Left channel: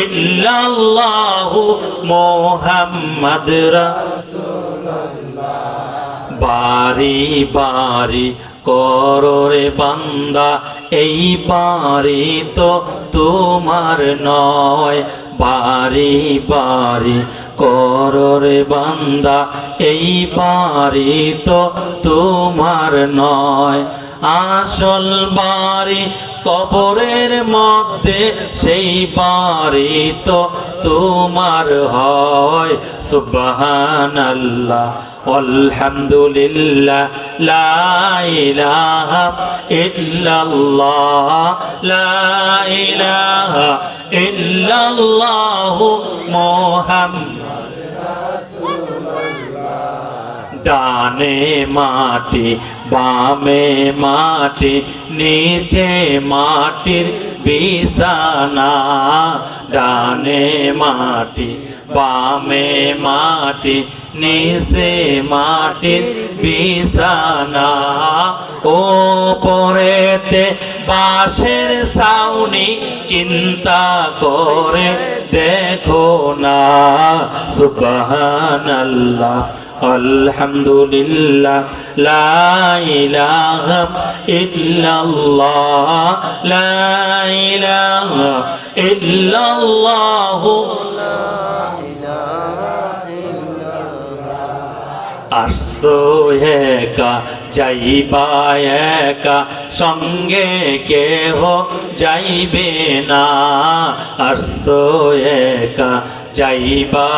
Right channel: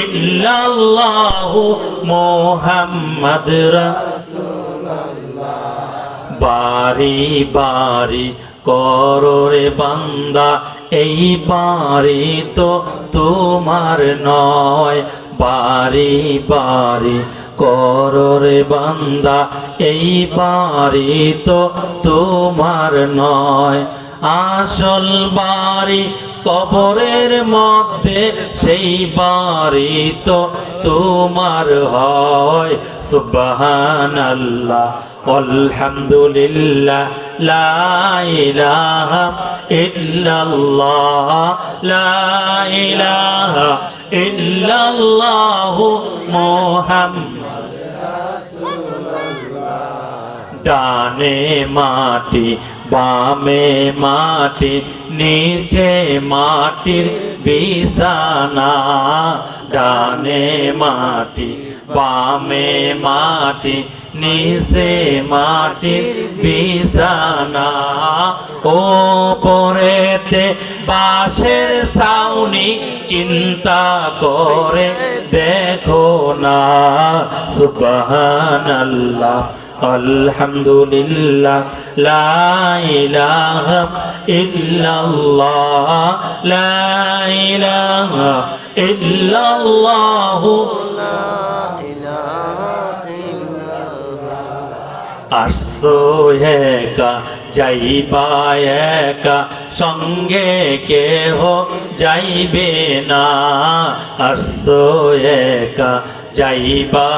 illallah muhammad বাড়ি বাড়ি কররে বান্দা, এই বাড়ি তো তোমার নয়। বাড়ি বাড়ি কররে বান্দা, এই বাড়ি তো তোমার নয়। আসল বাড়ি কবরের মধ্যে, সেই বাড়ি তো তোমার হয়। সুবহানাল্লাহ, আলহামদুলিল্লাহ, লা ইলাহা ইল্লাল্লাহ ডানে মাটি বামে মাটি, নিচে মাটির বিছানা। ডানে মাটি, বামে মাটি, নিচে মাটির বিছানা। ও পরেতে বাঁশের সাউনি চিন্তা করে দেখো না। সুবহানাল্লাহ। আলহামদুলিল্লাহ, লা ইলাহা ইল্লাল্লাহ, লা ইলাহা ইল্লাল্লাহ। আসো একা, যাইবা একা, সঙ্গে কেহ যাইবে না। যাইবা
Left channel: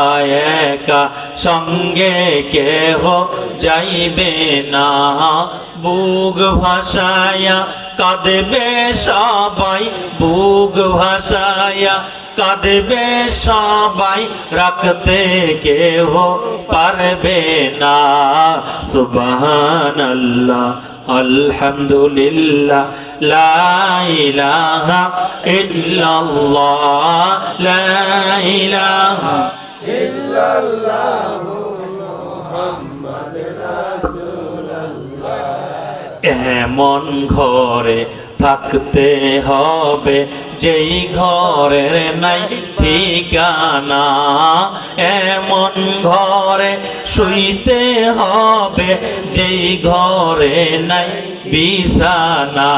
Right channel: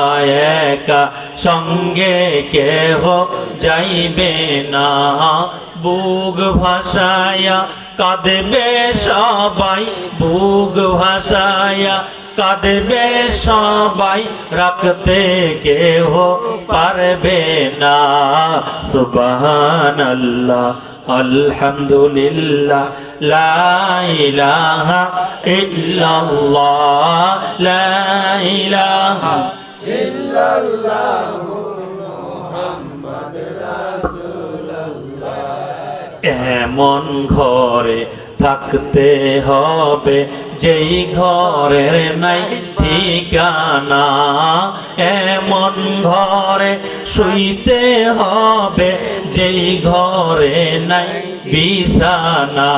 একা, সঙ্গে কেহ যাইবে না। বুক ভাসায়া কাঁদবে সবাই, বুক ভাসায়া কাঁদবে সবাই। রাখতে কেহ পারবে না। সুবহানাল্লাহ, আলহামদুলিল্লাহ, লা ইলাহা এমন ঘরে থাকতে হবে, যেই ঘরের নাই ঠিকানা। এমন ঘরে শুইতে হবে, যেই ঘরে নাই বিছানা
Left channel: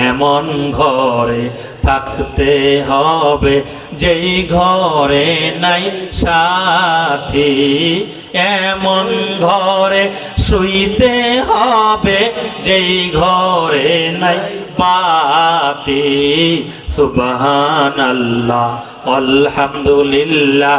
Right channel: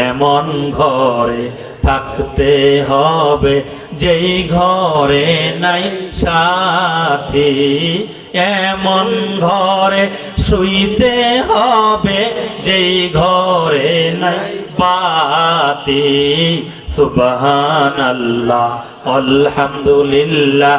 এমন ঘরে থাকতে হবে, যেই ঘরে নাই সাথী। এমন ঘরে শুইতে হবে, যেই ঘরে নাই বাতি। সুবহানাল্লাহ, আলহামদুলিল্লাহ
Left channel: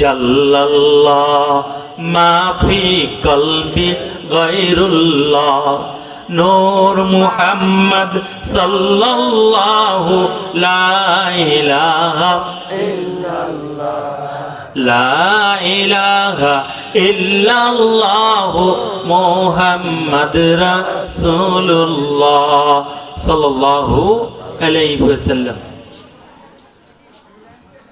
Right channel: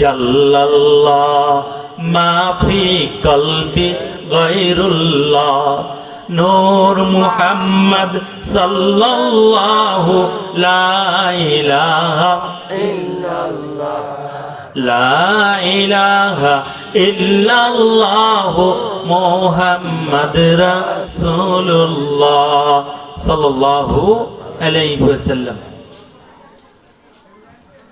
জাল্লাল্লাহ মা ফি কলবি গায়রুল্লাহ নূর মুহাম্মদ সাল্লাল্লাহু লা ইলাহা লা ইলাহা ইল্লাল্লাহ মুহাম্মদ রাসূলুল্লাহ সাল্লাল্লাহু আলাইহি ওয়াসাল্লাম